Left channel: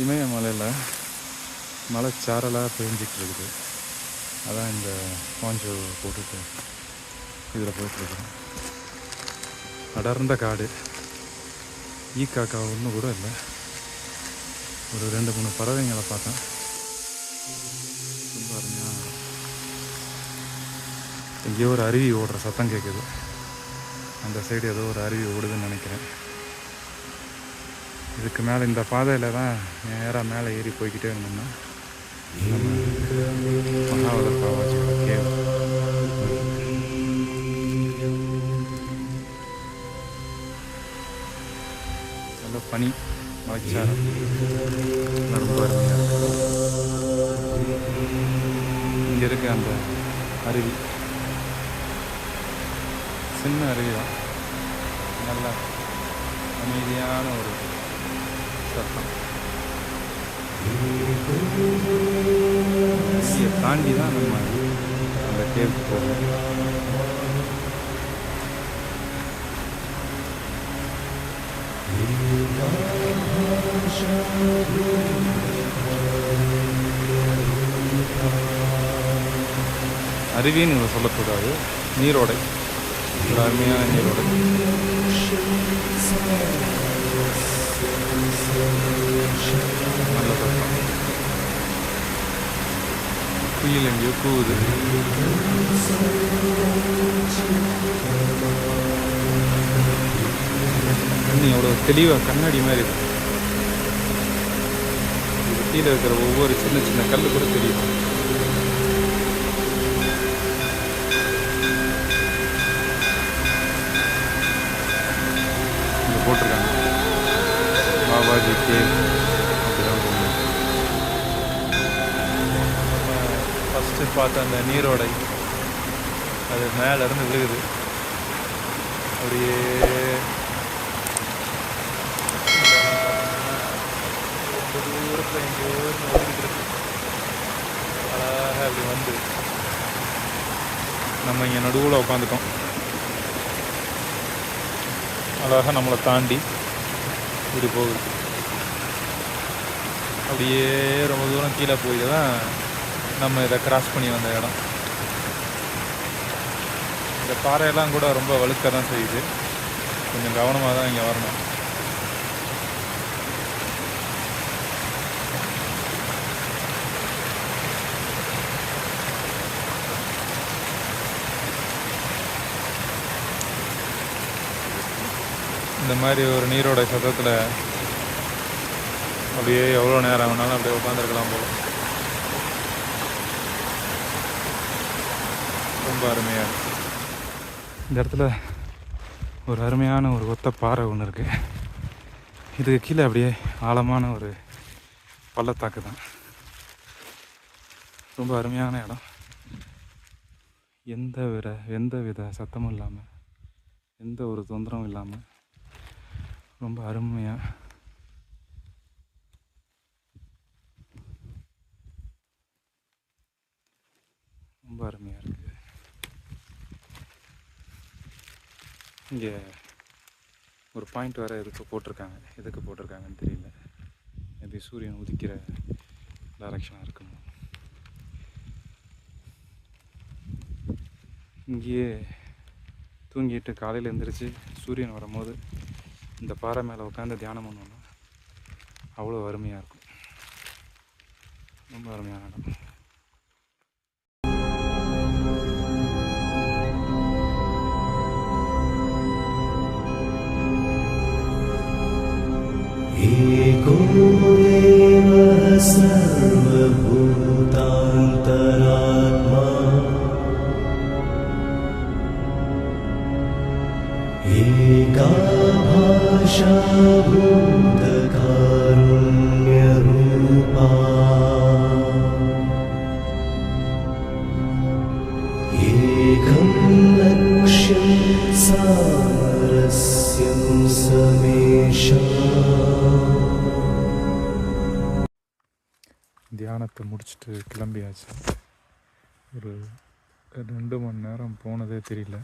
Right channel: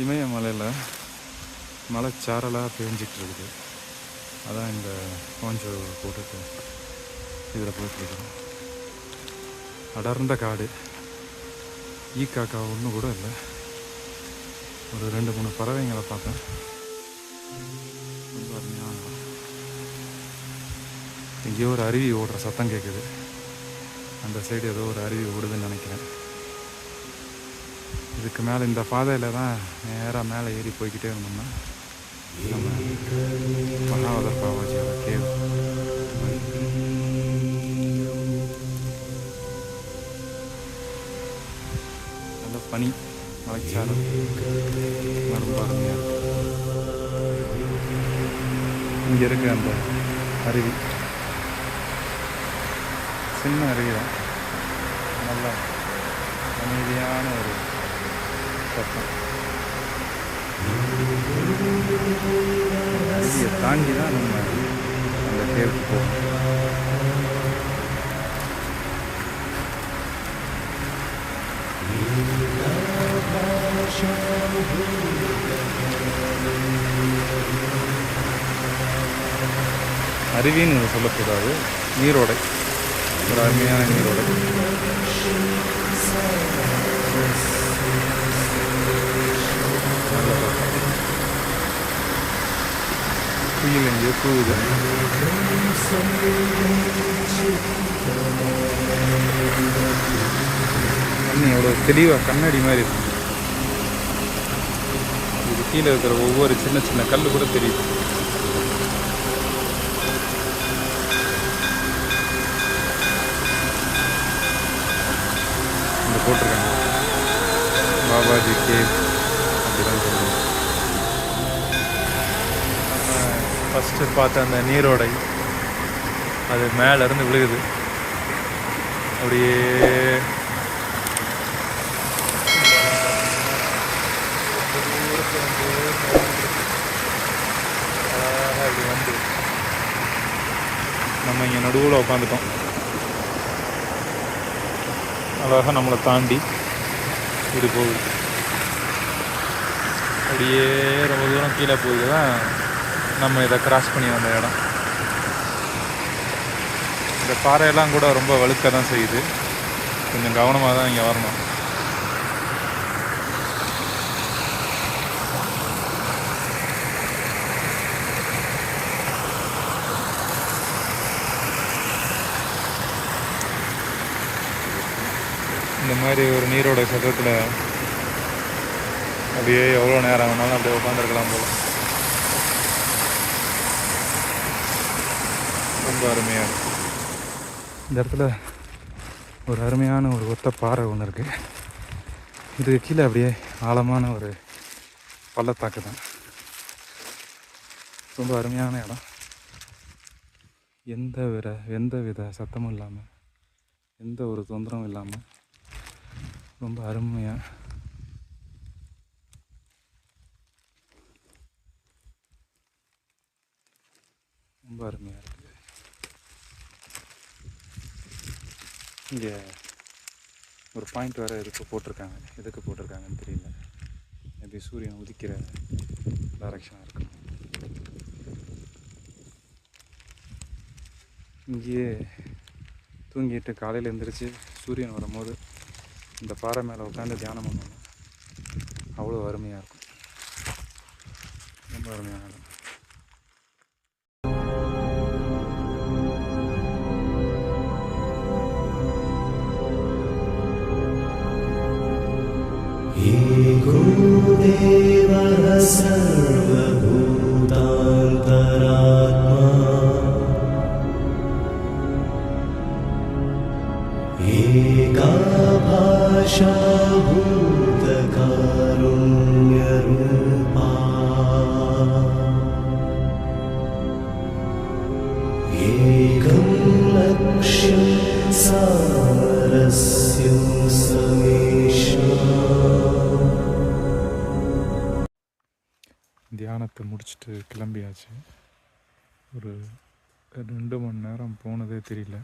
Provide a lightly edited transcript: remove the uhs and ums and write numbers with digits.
இமயமலையில் மலை சாரலாக பெஞ்சிக்கிட்டு இருக்குது. அதான் இந்த பாஞ்சோ போட்டுட்டு இதில் போயிட்டுருக்குறோம். அடர்ந்த காடு, ஈக்காக்கா ஒன்று கூட இல்லை. ஒரு 2-3 பறவைங்களை பார்த்தேன். ரொம்ப அருமையான இடம். எங்கேயோ ஒரு அருவி ஓடுற சத்தம் கேட்குது. அந்த சைடு ஏதோ ஒரு அருவி ஓடுதுன்னு நினைக்கிறேன். இதுக்கு மேலே இந்த பாதையில் தான் நேராக மேலே ஏறி போய்கிட்டே இருந்தோம்னா நம்ம மகாவதர் பாபாஜியோட கேவ். நல்ல பனி, மலைச்சாரம், ரொம்ப அருமையாக இருக்குது. இங்கே இருக்க அந்த அருவி சின்ன அருவி தான், நல்லா அமைதியான ஒரு சத்தம். அருவியை தாண்டி தான் நம்ம அந்த கேவுக்கு போகணும். அருவின்னு சொல்லக்கூடாது, நீரோடை, ஒரு அருமையான நீரோடை. நல்ல சத்தம். குயில் எங்கேயோ கூவுது. தண்ணி எவ்வளோ தெளிவாக கண்ணாடி மாதிரி இருக்கு. இது கீழே இருக்கிற ஒவ்வொரு சின்ன சின்ன கல் கூட தெரியுது. இங்கே போட்டிருக்காங்க பாபாஜி கேவ் அப்படிதான் சொல்லுவோம். ஃபஸ்ட்டு பார்த்த அந்த நீரோடை அது மேலேருந்து விழுகுது. அப்படியே ரொம்ப தூரத்தில் எங்கேயோ வந்துருக்கு. அழகாக இப்படி வந்து நம்ம இங்கே நடுவில் உட்காந்துட்டோம். அழகாக நம்மளை தாண்டி இப்படி போகுது. அப்படியே ரொம்ப தூரம் கீழே போய் தான் நம்ம இதை கிராஸ் பண்ணி வந்த இடம். இந்த பாறையெல்லாம் கூட ரொம்ப வழுக்க தான் செய்யுது. கொஞ்சம் கவனமாக தான் இங்கே வரணும். இந்த மாதிரி ஒரு நீரோட சத்தத்தில் அப்படியே எவ்வளோ நேரம் ஆனாலும் அப்படியே உட்காந்துருக்கலாம் போல. ரொம்ப அருமையாக இருக்குது. இந்த இடத்துல ஒரு அருமையான ஒரு ஒத்த பாறை ஒன்று இருக்குது. இதுக்கு கீழே அப்படியே ஆழமான ஒரு பள்ளத்தாக்கு தான். ரொம்ப அருமையான இடம். எந்த வித சத்தமும் இல்லாமல், எந்த ஒரு தொந்தரவும் இல்லாமல் ரொம்ப அருமையாக ரொம்ப அருமையாக இருக்குது. இங்கே ஒரு பாயிண்ட் வேறு எதுக்கு போட்டிருக்காங்கன்னு தெரியல. மேபி சூரியன் உதிக்கிற டைரக்ஷனாக இருக்கணும். இங்கேயே தூங்கிட்டு காலையில் எழுந்திரிச்சு சூரியன் வரும்போது இந்த பாறை மேலே உட்காந்து தியானம் பண்ணோன்னா அவ்வளோ அருமையாக இருக்கும். ரொம்ப அருமையான இடம். सारस्यं समेषाम् தியானத்தை முடிச்சுட்டு கிளம்பியாச்சு. ஒரு 2 மணி நேரம் போனதே தெரியல.